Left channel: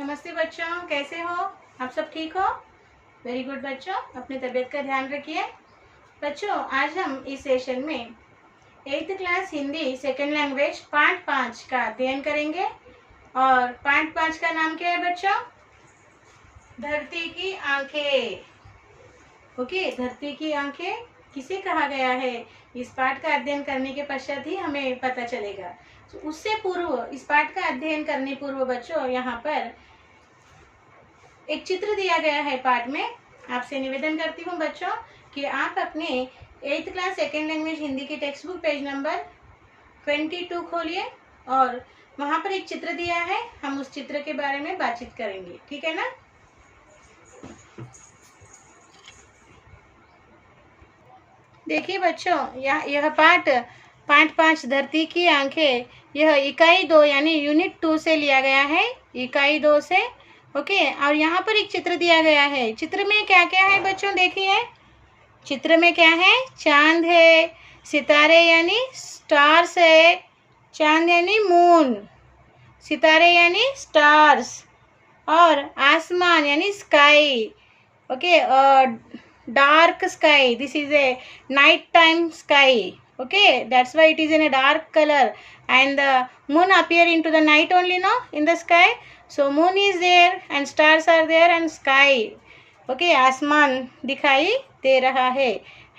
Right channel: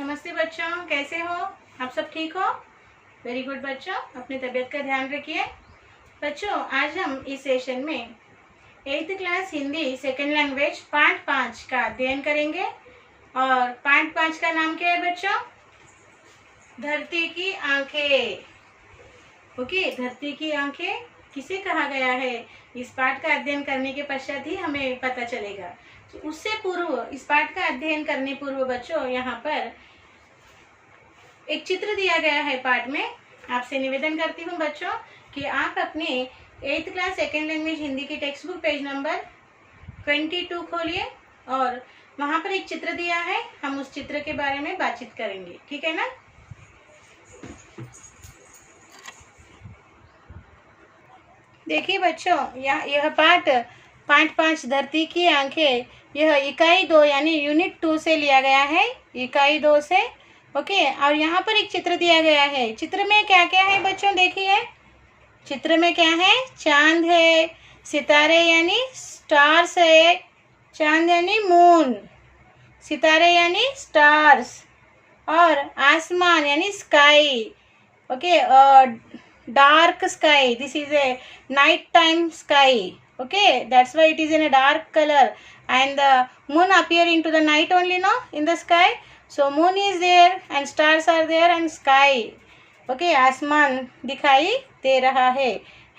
नमस्ते बच्चों, कैसे हो आप? सब ठीक हो? वेरी गुड बच्चों, अपनी तबीयत का ध्यान रखिए। बच्चों, आज हम इस सेशन में 8th class Hindi second language part 5 का अध्ययन करेंगे। और पार्ट 5 का नाम क्या है बच्चों? धरती की आंखें। ओके, धरती की आंखें किसे कहा गया है, इस पाठ का अध्ययन करने के पश्चात ही हमें पता चलेगा। तो उससे पूर्व, इस पाठ का अध्ययन करने पूर्व बच्चों, यहाँ पर एक चित्र दिया गया है पाठ में। आपसे निवेदन करती हूँ बच्चों कि आप अपने 8th class second language Hindi की टेक्स्ट बुक पेज नंबर 22 खोलिए और वहाँ पर एक चित्र दिया है। हम उस चित्र के बारे में बातचीत करेंगे, ठीक है ना? देखिए बच्चों, यह पाठ 5 धरती की आंखें, यह इकाई 2 यानी यूनिट 2 से लिया गया है, इकाई 2 से। ओके, और यहाँ पर एक चित्र दिया गया है। चित्र में क्या क्या है बच्चों, देखिए चित्र में क्या है। चांद है, सितारे यानी स्टार्स है, चांद यानी मून, सितारे यानी स्टार्स, और आसमान यानी sky. Okay, dark sky, this is a night time sky. Okay, that's why it is in a dark color, and the moon appear into the night only, no, in the sky. So moon is there and stars are there and sky. Okay, आसमान दिखाई दे रहा है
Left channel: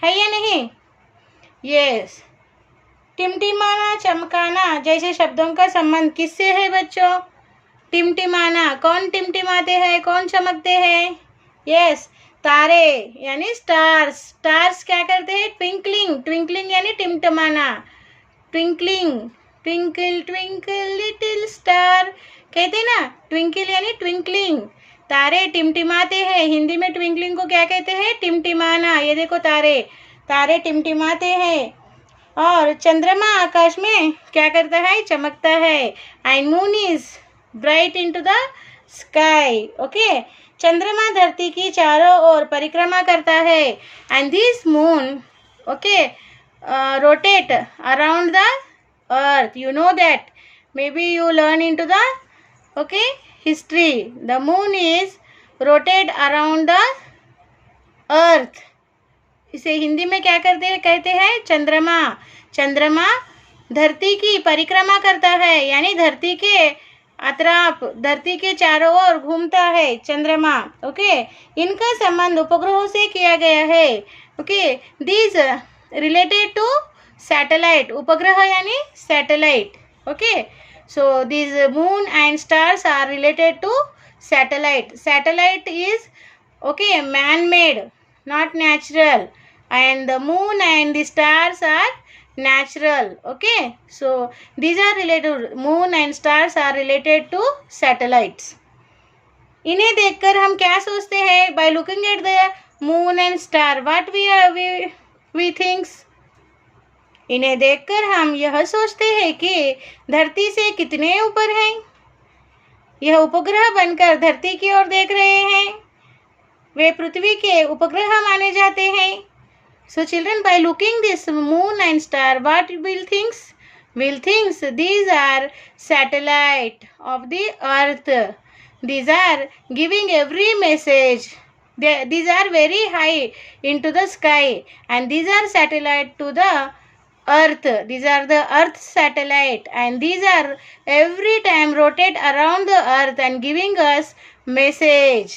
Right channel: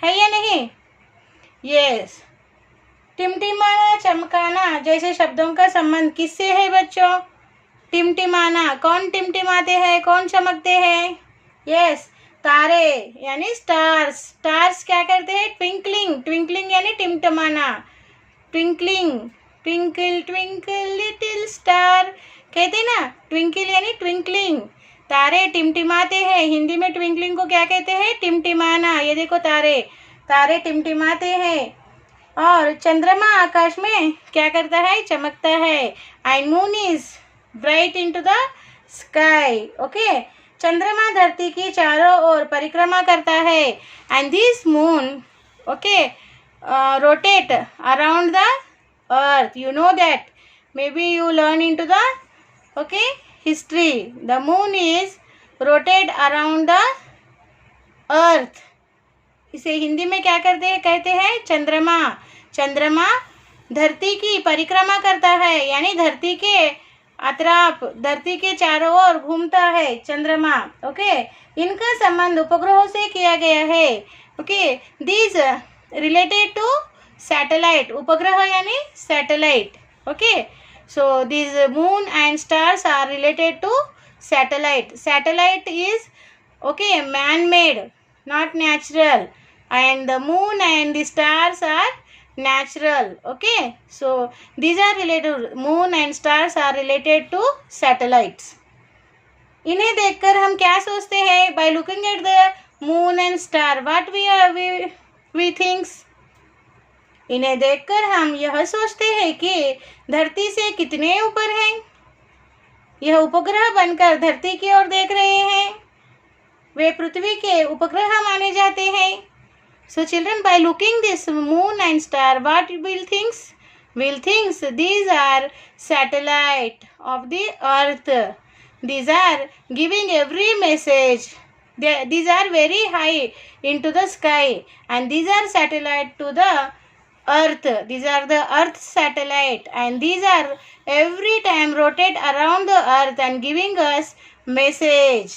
या नहीं? Yes. टिमटिमाना, चमकाना जैसे शब्दों का संबंध किससे है बच्चों? टिमटिमाना, कौन टिमटिमाते हैं, कौन चमकते हैं? यस, तारे यानी स्टार्स। स्टार्स क्या करते हैं? ट्विंकलिंग, ट्विंकलिंग यानी टिमटिमाना। Twinkling, twinkle twinkle little star कहते हैं ना, ट्विंकल यानी ट्विंकलिंग। तारे टिमटिमाते हैं, हिंदी में ट्विंकलिंग को क्या कहते हैं? टिमटिमाना। ये देखो तारे, तारे टिमटिमाते हैं। और चंद्रमा आकाश में क्या करता है? चमकता है। And moon is bright into the sky. Okay, चंद्रमा धरती की चारों ओर परिक्रमा करता है। And this moon, okay, rotate around the earth. You know that, may be you learn into the okay history. The moon is rotate around the earth. इसे हिंदी में क्या करते हैं, कहते हैं? चंद्रमा। चंद्रमा धरती की परिक्रमा करता है, यानी धरती के अतराफ, धरती के चारों ओर घूमता है चंद्रमा। ओके, इनका संबंध उपग्रहों से किया गया है। Okay, this related to satellite. उपग्रह यानी satellite. Okay, so this moon and stars are related to satellite. Satellite is okay man made, not natural, and the moon and the stars are natural. Okay, so these are related, moon and stars are related to satellites. इन्हें देखकर हम क्या सोचते हैं? by looking at the moon and star, what we thinks? इन्हें देखकर हम यह सोचते हैं कि धरती से कितने ऊपर हैं। यह उपग्रह बनकर धरती की ओर देख रहे हैं, वे पृथ्वी के उपग्रह माने जाते हैं। So children, by looking this moon and star, what will thinks? Will thinks these are satellite of the earth. These are giving every message. These are very high into the sky, and these are satellite to the earth. These are the earth satellite, and these are every time rotate around the earth and giving us message.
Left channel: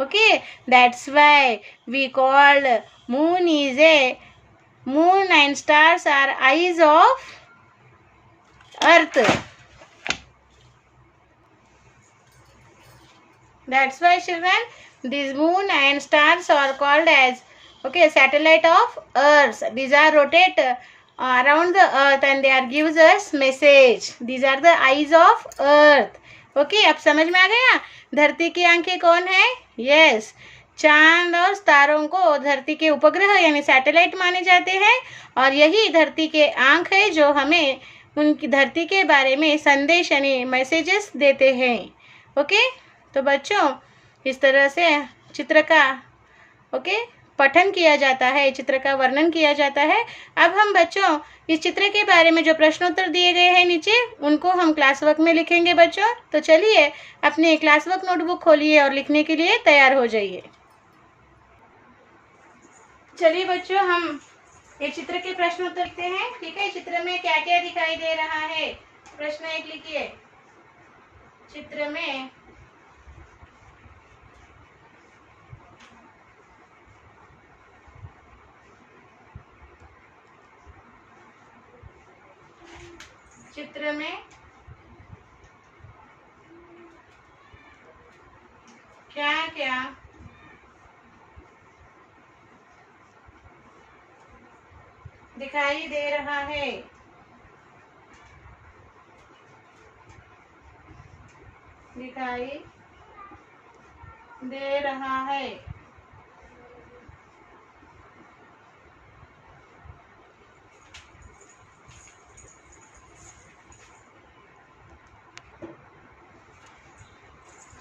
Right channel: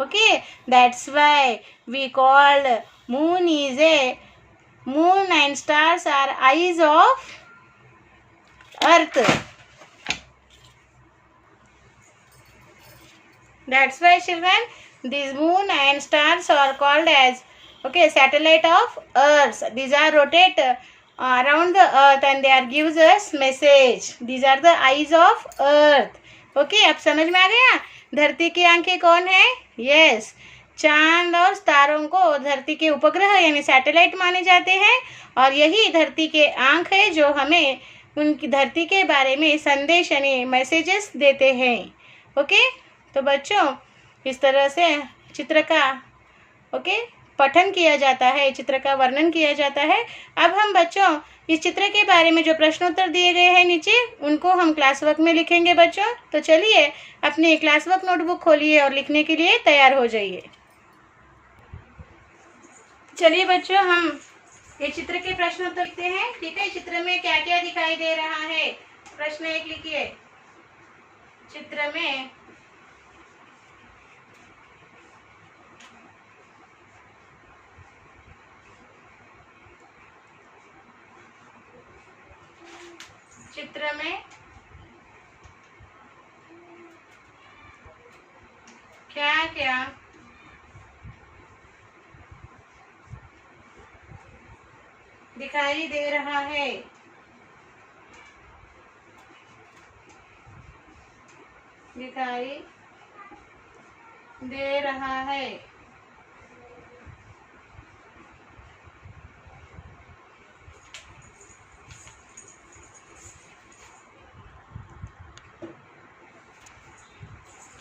Okay, that's why we call moon is a, moon and stars are eyes of earth. That's why children, these moon and stars are called as okay satellite of earth. These are rotate around the earth and they are gives us message. These are the eyes of earth. Okay, अब समझ में आ गया? धरती की आंखें कौन है? Yes, चांद और तारों को धरती के उपग्रह यानी सैटेलाइट माने जाते हैं, और यही धरती के आंख है जो हमें उनकी धरती के बारे में संदेश यानी मैसेजेस देते हैं। ओके, तो बच्चों इस तरह से चित्र का ओके पठन किया जाता है, चित्र का वर्णन किया जाता है। अब हम बच्चों इस चित्र के बारे में जो प्रश्नोत्तर दिए गए हैं नीचे, उनको हम क्लास वर्क में लिखेंगे बच्चों। तो चलिए अपने क्लास वर्क नोटबुक खोलिए और लिखने के लिए तैयार हो जाइए। चलिए बच्चों, हम ये चित्र के प्रश्नोत्तर लिखते हैं। ठीक है, चित्र में क्या क्या दिखाई दे रहा है? प्रश्न 1 लिखिए। चित्र में क्या क्या दिखाई दे रहा है? दिखाई दे रहा है।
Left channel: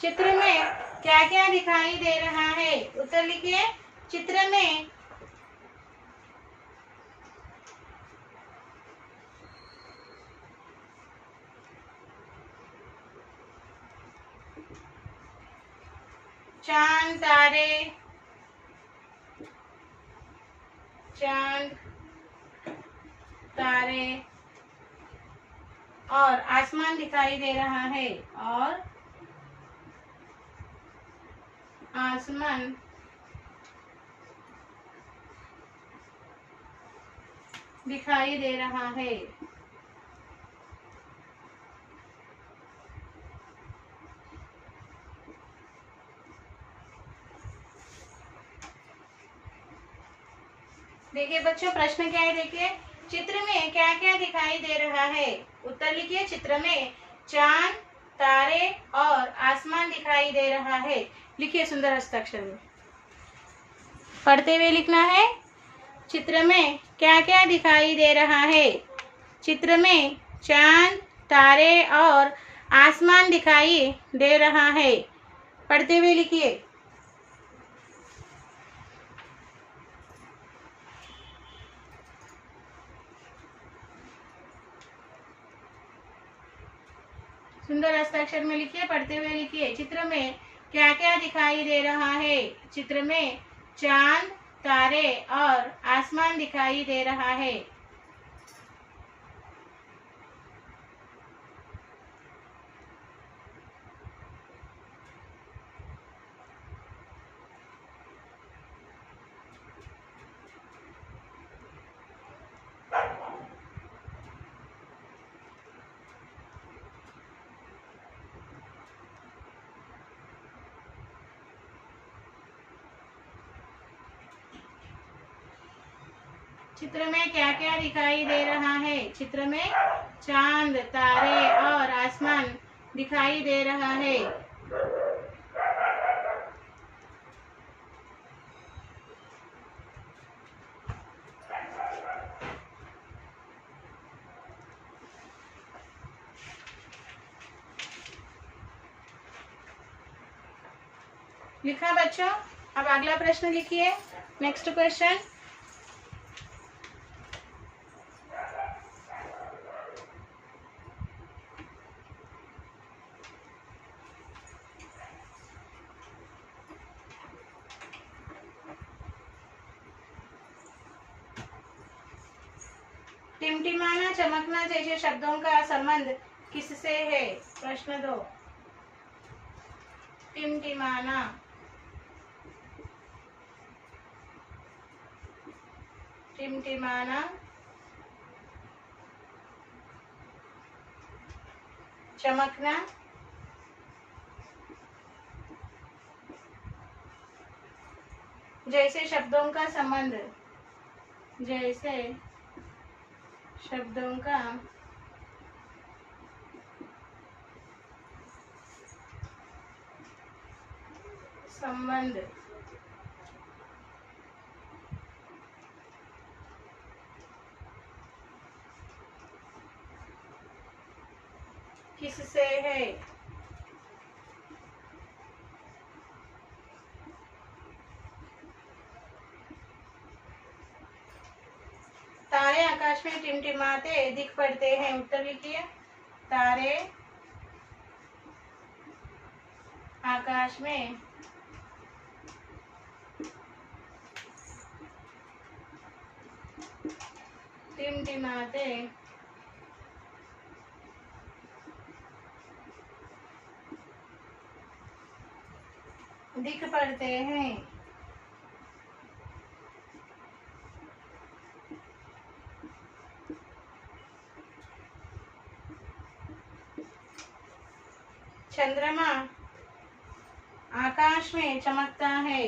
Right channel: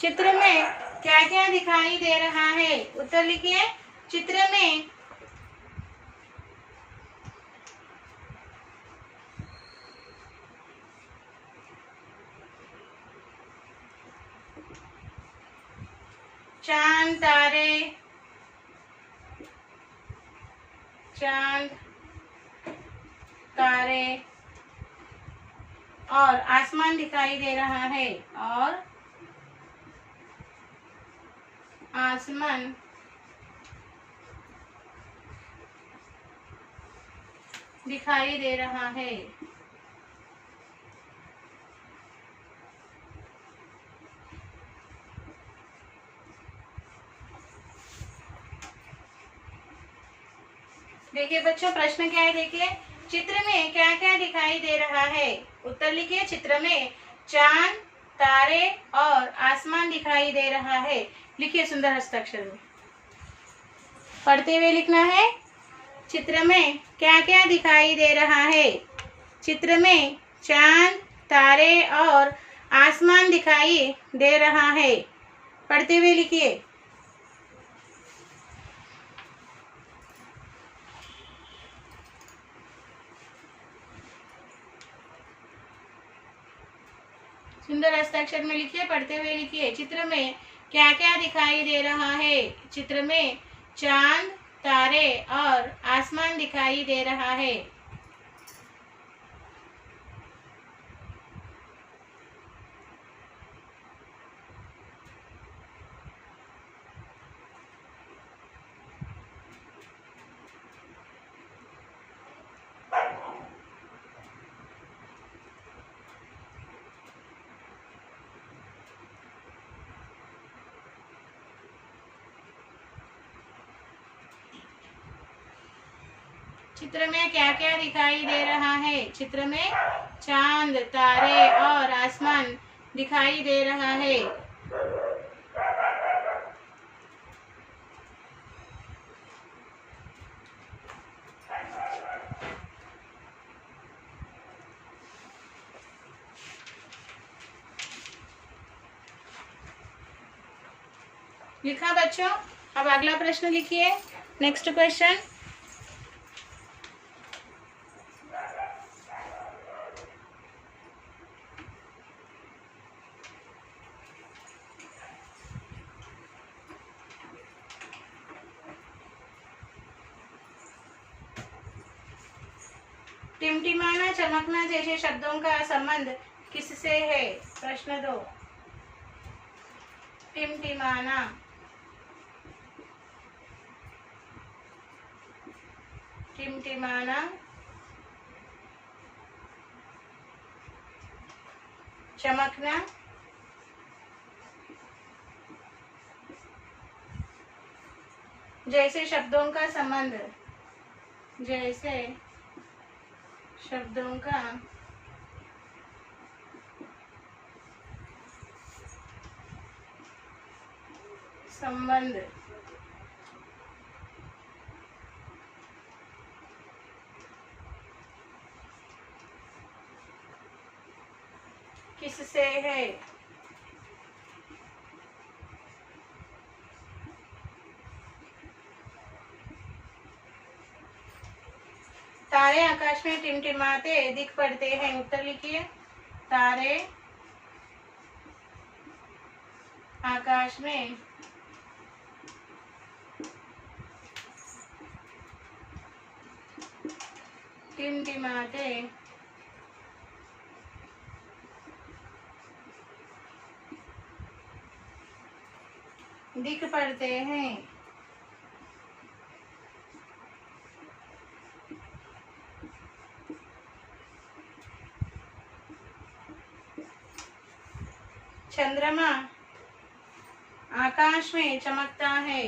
चित्र में क्या क्या दिखाई दे रहा है? उत्तर लिखिए। चित्र में चांद तारे और आसमान दिखाई दे रहा है। और आसमान दिखाई दे रहा है। देखिए बच्चों, प्रश्न क्या है? देखिए, चित्र में क्या क्या दिखाई दे रहा है? उत्तर लिखिए। चित्र में चांद, तारे और आसमान दिखाई दे रहा है। लिखिए सुंदर हस्ताक्षर में, पढ़ते हुए लिखना है। चित्र में क्या क्या दिखाई दे रहा है? चित्र में चांद, तारे और आसमान दिखाई दे रहा है। पढ़ते हुए लिखिए। सुंदर हस्ताक्षर में लिखिए, पढ़ते हुए लिखिए। चित्र में क्या क्या दिखाई दे रहा है? चित्र में चांद, तारे और आसमान दिखाई दे रहा है। चित्र में क्या क्या दिखाई दे रहा है? चित्र में चांद, तारे और आसमान दिखाई दे रहा है। लिखा बच्चों? अब अगला प्रश्न लिखिए। Next question. टिमटिमाना, चमकना जैसे शब्दों का संबंध किससे है? प्रश्न 2। टिमटिमाना, टिमटिमाना, चमकना जैसे शब्दों का संबंध, जैसे शब्दों का संबंध किससे है? तारे आकाश में टिमटिमाते दिख पड़ते हैं। उत्तर लिखिए। तारे आकाश में टिमटिमाते दिख पड़ते हैं। चंद्रमा आकाश में चमकता है।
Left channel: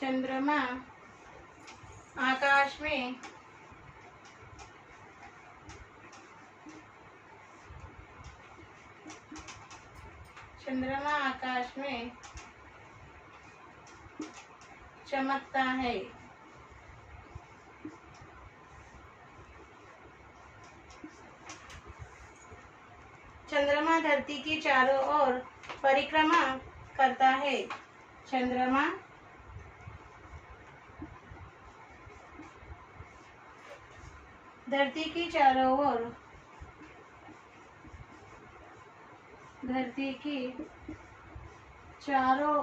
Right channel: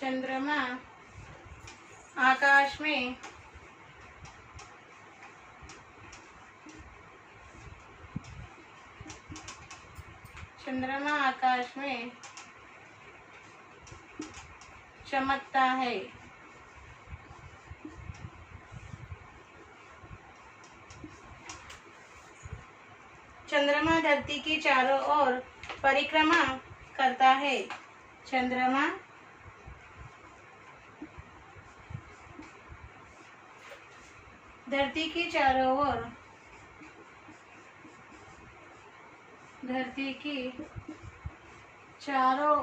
चंद्रमा आकाश में चंद्रमा आकाश में चमकता है। चंद्रमा धरती की चारों ओर परिक्रमा करता है। चंद्रमा धरती की चारों ओर धरती की चारों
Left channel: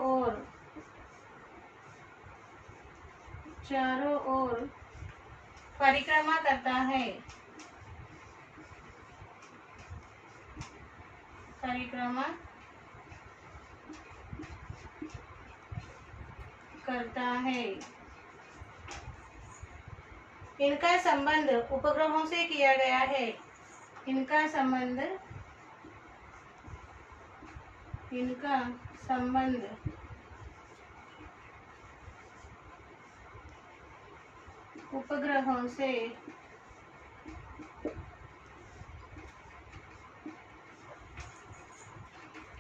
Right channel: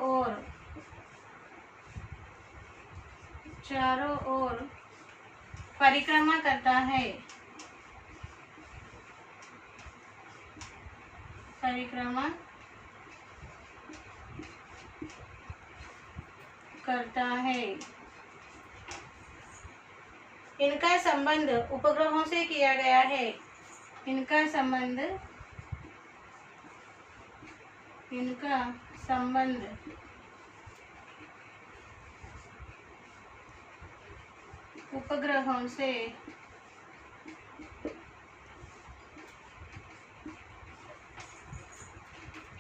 ओर परिक्रमा करता है। परिक्रमा करता है। इनका संबंध उपग्रहों से किया गया है। इनका संबंध उपग्रहों से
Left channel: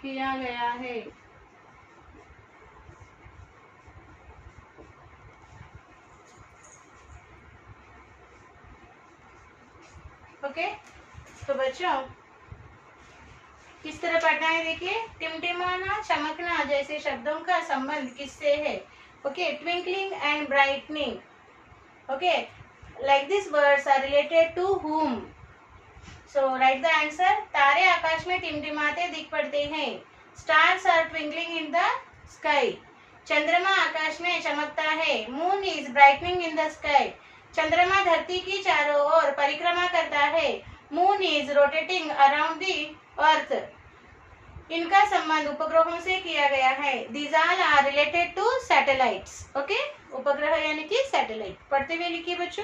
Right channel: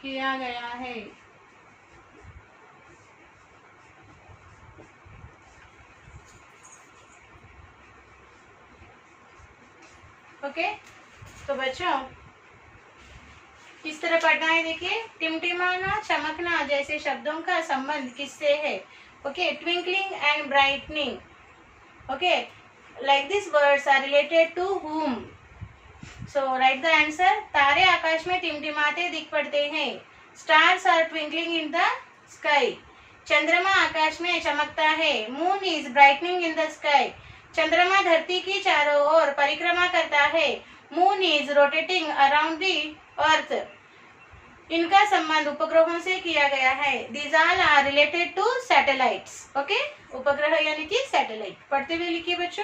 किया गया है। ओके, तो बच्चों किस तरह पढ़ना है देखिए। टिमटिमाना, चमकना जैसे शब्दों का संबंध किससे है? Okay, twinkling and brightening. Okay, like these words are related to whom? So write the answer. तारे आकाश में टिमटिमाते दिख पड़ते हैं। Stars are twinkling in the sky. चंद्रमा आकाश में चमकता है। Moon is brightening in the sky. चंद्रमा धरती की चारों ओर परिक्रमा करता है। Moon is rotating around the earth. इनका संबंध उपग्रहों से किया गया है। These all are related to satellites. Okay? उपग्रह यानी कि सैटेलाइट। पढ़ते हुए लिखिए बच्चों।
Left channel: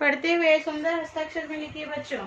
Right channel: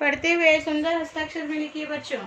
पढ़ते हुए सुंदर हस्ताक्षर में लिखिए बच्चों।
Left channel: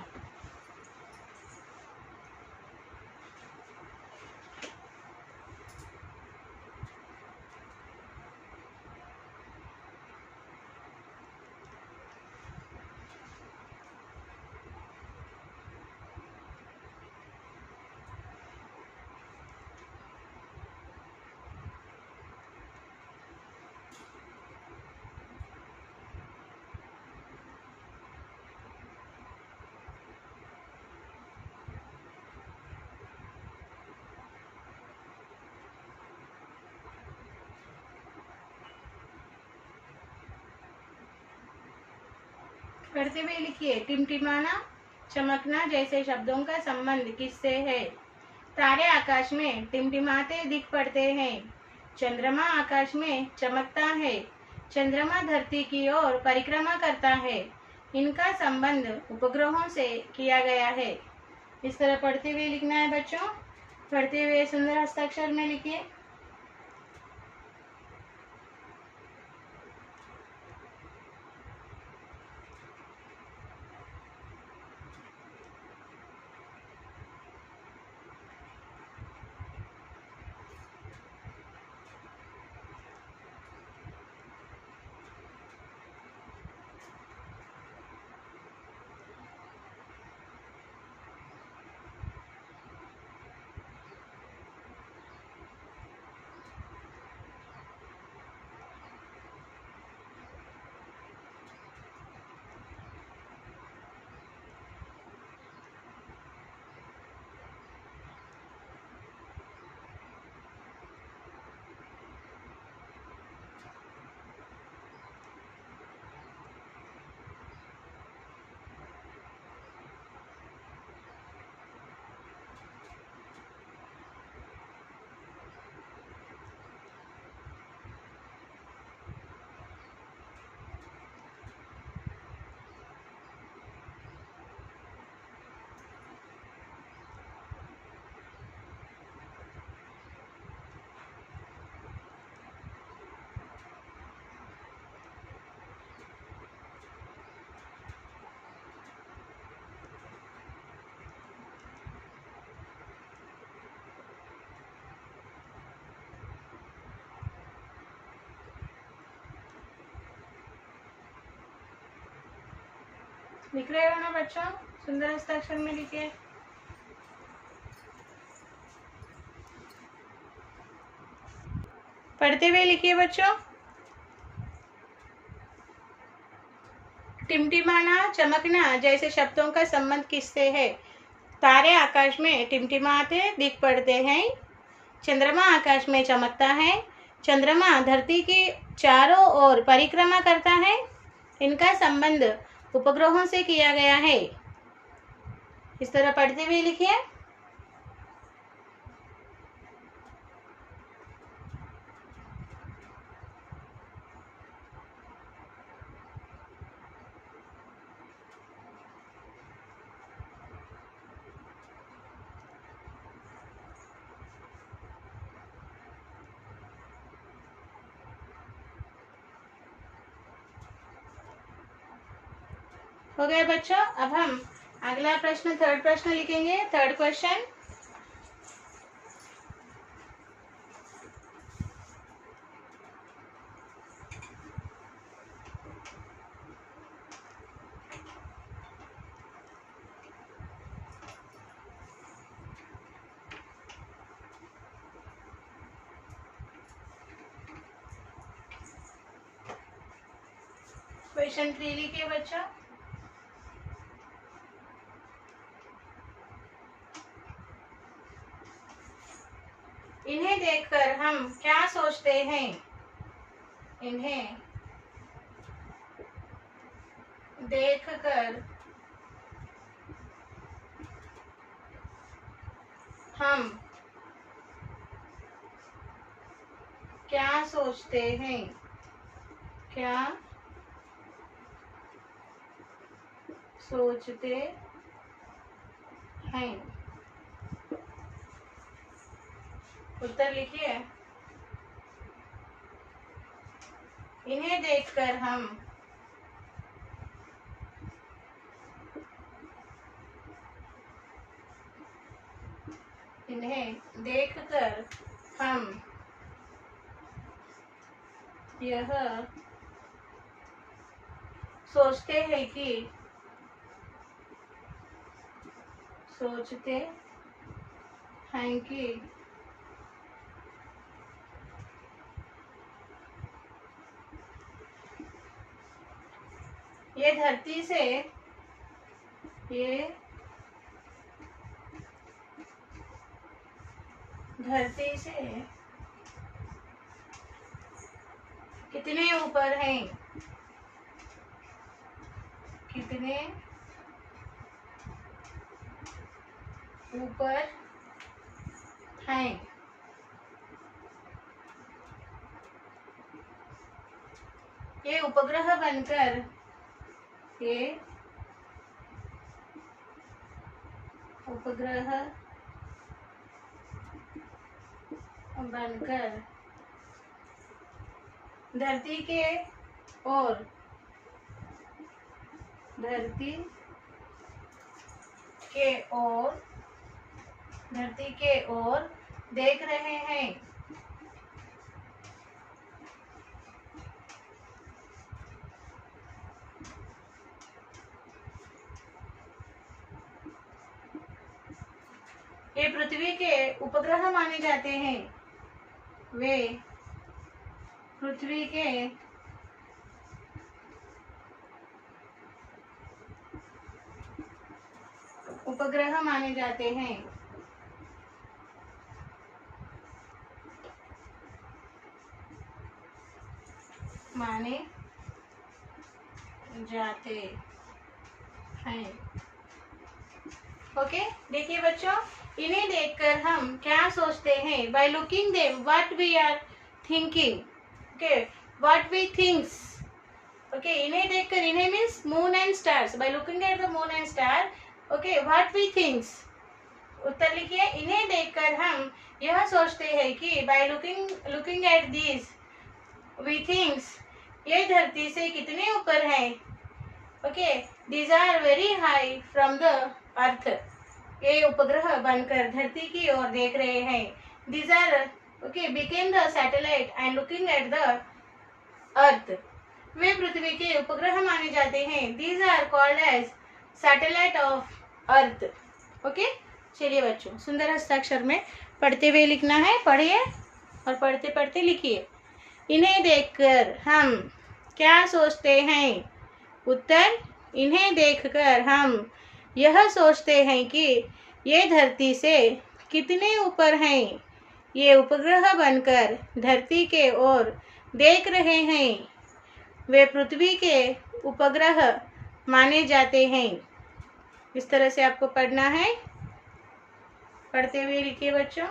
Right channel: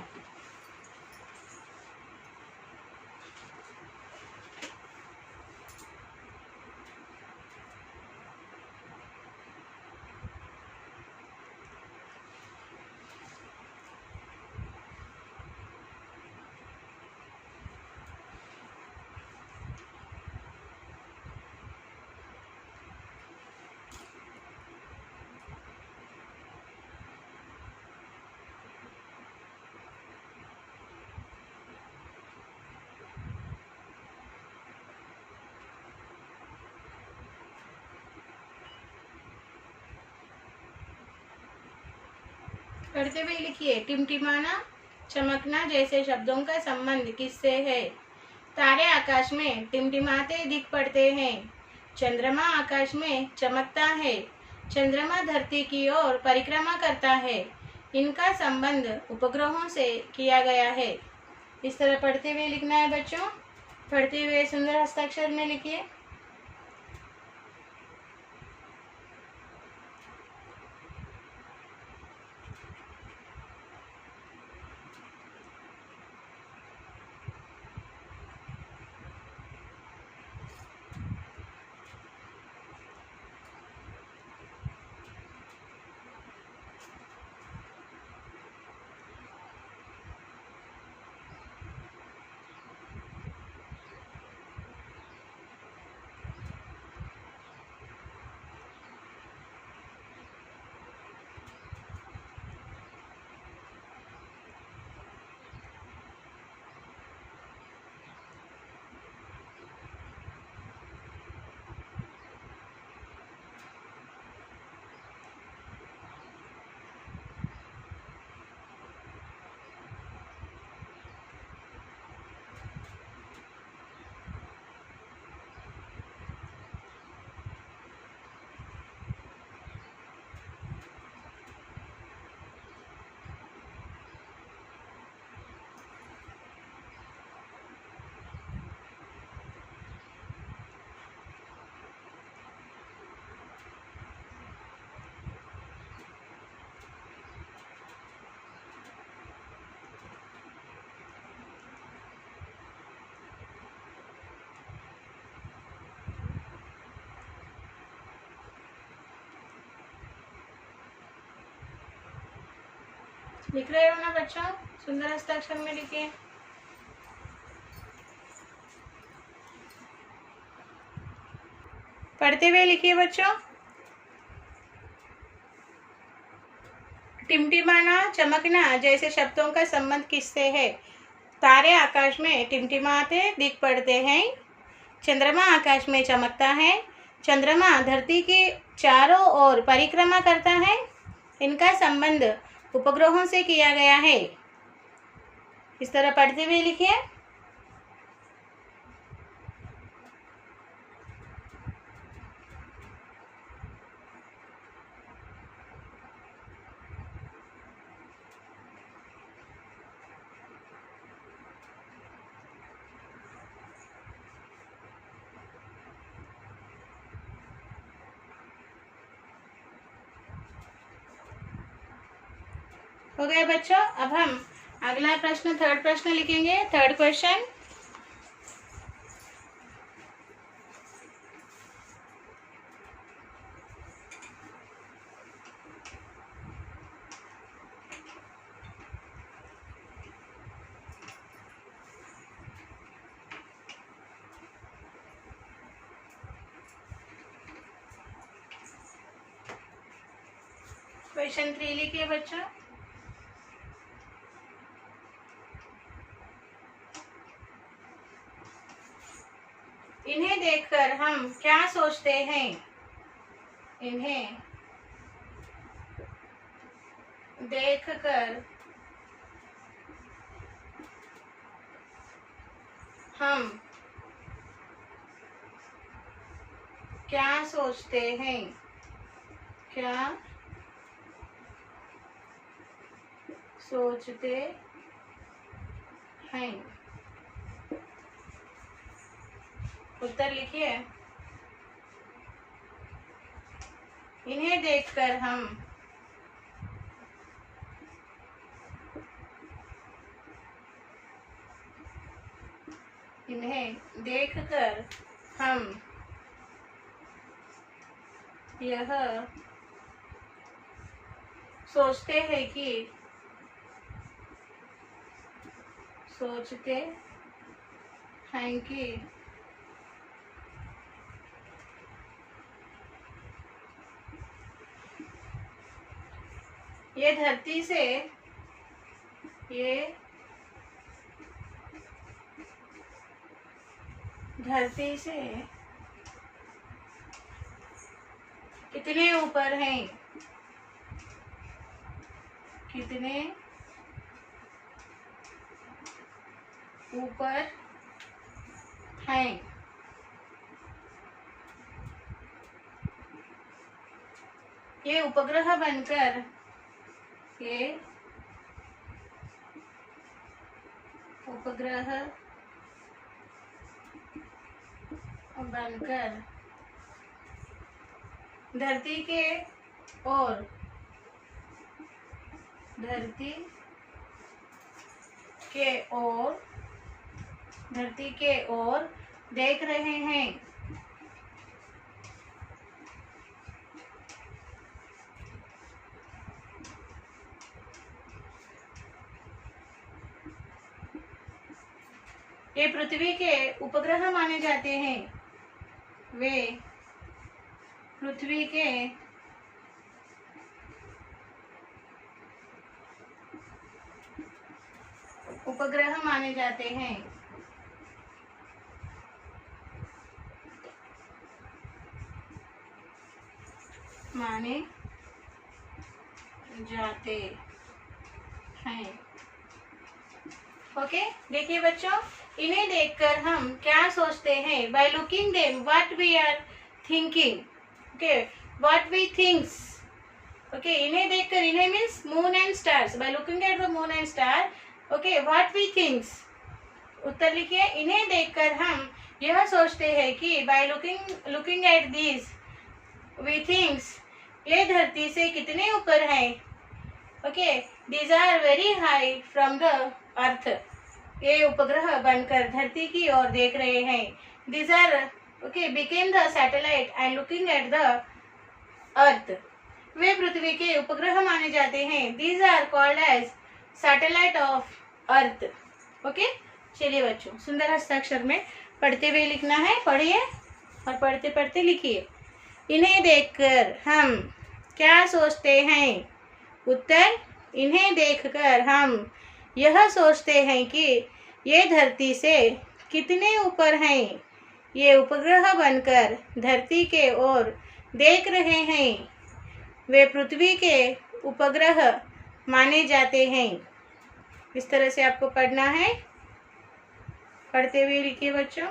पढ़ते हुए लिखिए। टिमटिमाना, चमकना जैसे शब्दों का संबंध किससे है? तारे आकाश में टिमटिमाते दिख पड़ते हैं। चंद्रमा आकाश में चमकता है। चंद्रमा धरती की ओर परिक्रमा करता है। इनका संबंध उपग्रहों से किया गया है। इस तरह पढ़ते हुए लिखना है बच्चों। पढ़ते हुए सुंदर हस्ताक्षर में लिखिए। लिख रहे हो ना बच्चों? सुंदर हस्ताक्षर में लिखिए। पढ़ते हुए लिखिए बच्चों। टिमटिमाना, चमकना जैसे शब्दों का संबंध किससे है? तारे आकाश में टिमटिमाते दिख पड़ते हैं। चंद्रमा आकाश में चमकता है। चंद्रमा धरती के चारों ओर परिक्रमा करता है। इनका संबंध उपग्रहों से किया गया है। इस तरह पढ़ते हुए लिखिए। हो गए बच्चों? अब हम अगला प्रश्न, थर्ड प्रश्न लिखेंगे। थर्ड क्वेश्चन, क्वेश्चन 3 लिखिए बच्चों। इन्हें देखकर हम क्या सोचते हैं? इन्हें देखकर हम क्या सोचते हैं? क्या सोचते हैं? उत्तर लिखिए। इन्हें देखकर हम यह सोचते हैं कि ये धरती से कितने ऊपर हैं? कितने ऊपर हैं? ये उपग्रह बनकर धरती के ओर देख रहे हैं। ये पृथ्वी के उपग्रह माने जाते हैं। वे पृथ्वी के उपग्रह माने जाते हैं। ओके, देखिए बच्चों, इन्हें देखकर हम क्या सोचते हैं? By looking them what we are thinking. Okay, what we thinks. Okay, इन्हें देखकर, इन्हें means moon and stars. By looking at the moon and star, okay, what we thinks. उत्तर लिखिए। इन्हें देखकर हम यह सोचते हैं कि by looking at this we thinks, ये धरती से कितने ऊपर है। Okay, these are very high from the earth. ये उपग्रह बनकर धरती की ओर देख रहे हैं। These are okay became the satellite and looking at the earth. वे पृथ्वी के उपग्रह माने जाते हैं। These are called as satellite of earth. Okay, चलिए बच्चों, सुंदर हस्ताक्षर में पढ़ते हुए लिखना है। पढ़िए और पढ़ते पढ़ते लिखिए। इन्हें देखकर हम क्या सोचते हैं? उत्तर, इन्हें देखकर हम यह सोचते हैं कि ये धरती से कितने ऊपर हैं। ये उपग्रह बनकर धरती के ओर देख रहे हैं। वे पृथ्वी के उपग्रह माने जाते हैं। इस तरह से आपको पढ़ना है। पढ़ते हुए लिखिए बच्चों।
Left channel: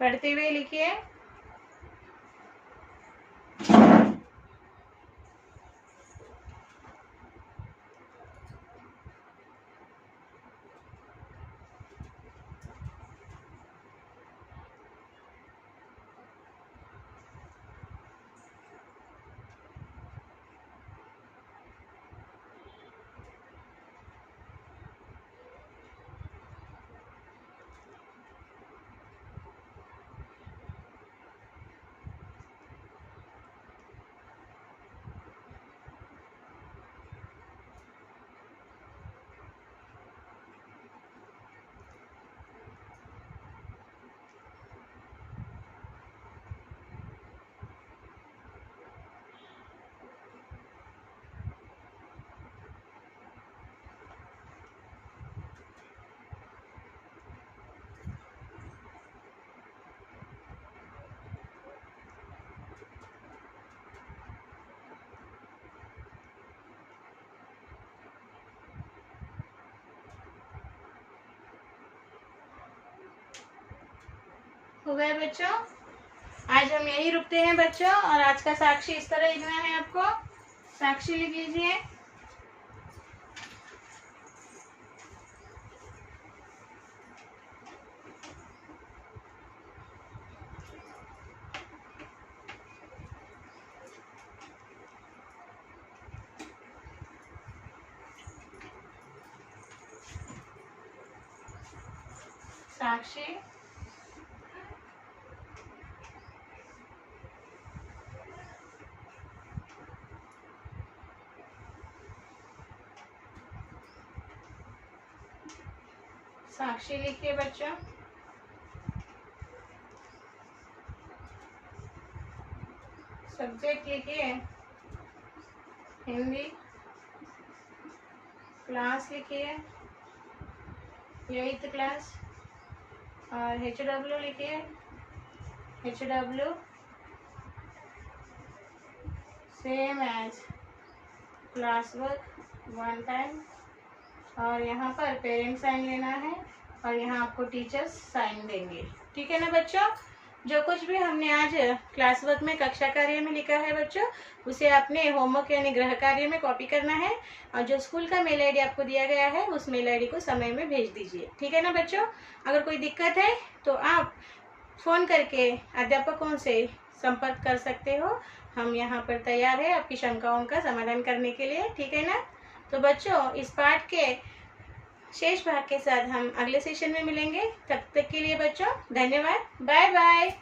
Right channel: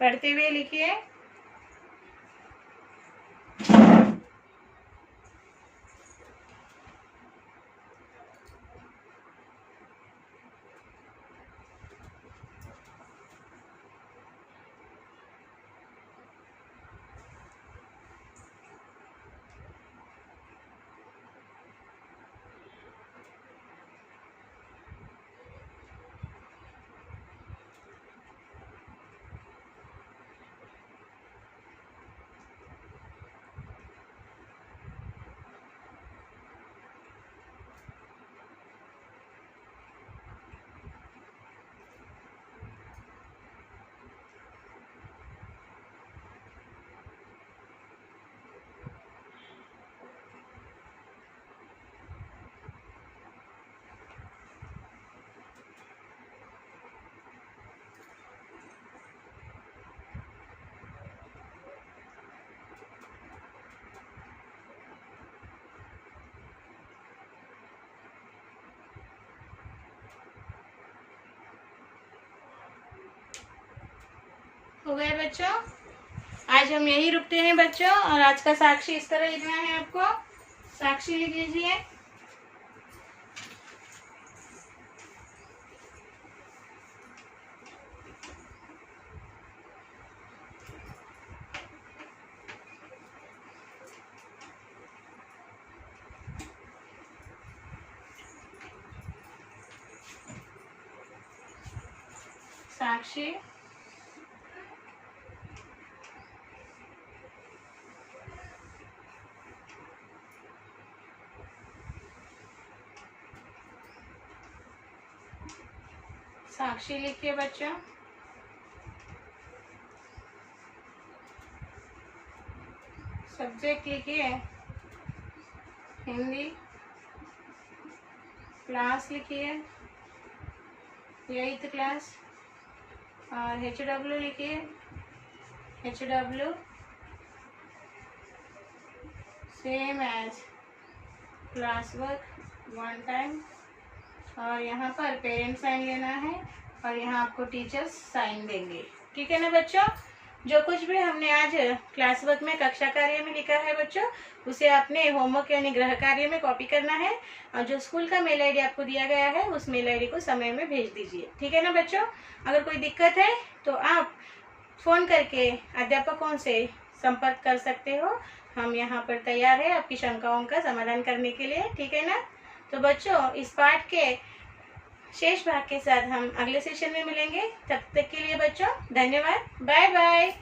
पढ़ते हुए लिखिए। हो गए बच्चों? आज हम यही रुकते हैं बच्चों। और आज का साक्षी इस तरह लिखना है आपको। साक्षी लिख लीजिए। साक्षी साक्षी लिखिए बच्चों। सब्जेक्ट लिखिए हिंदी। क्लास लिखिए 8th क्लास। और HW लिखिए HW same as class work 1 time. और यहाँ पर पेरेंट्स साइन लेना है और यहाँ आपको टीचर्स साइन देंगे। ठीक है ना बच्चों? जो कुछ भी हमने आज क्लास वर्क में कक्षा कार्य में लिखा है बच्चों, उसे आपने होमवर्क यानी गृह कार्य में कॉपी करना है। और जो स्कूल का मेल आईडी आपको दिया गया है उस मेल आईडी को समय में भेज दीजिए। ठीक है ना बच्चों? अगर कोई दिक्कत है तो आप फ़ोन करके अध्यापकों से संपर्क कर सकते हो। हम यहाँ पर तैयार है आपकी शंकाओं का समाधान करने के लिए। ठीक है ना? तो बच्चों, इस पाठ के शेष भाग के साथ हम अगले सेशन में मिलेंगे। तब तक के लिए बच्चों धन्यवाद। Bye bye.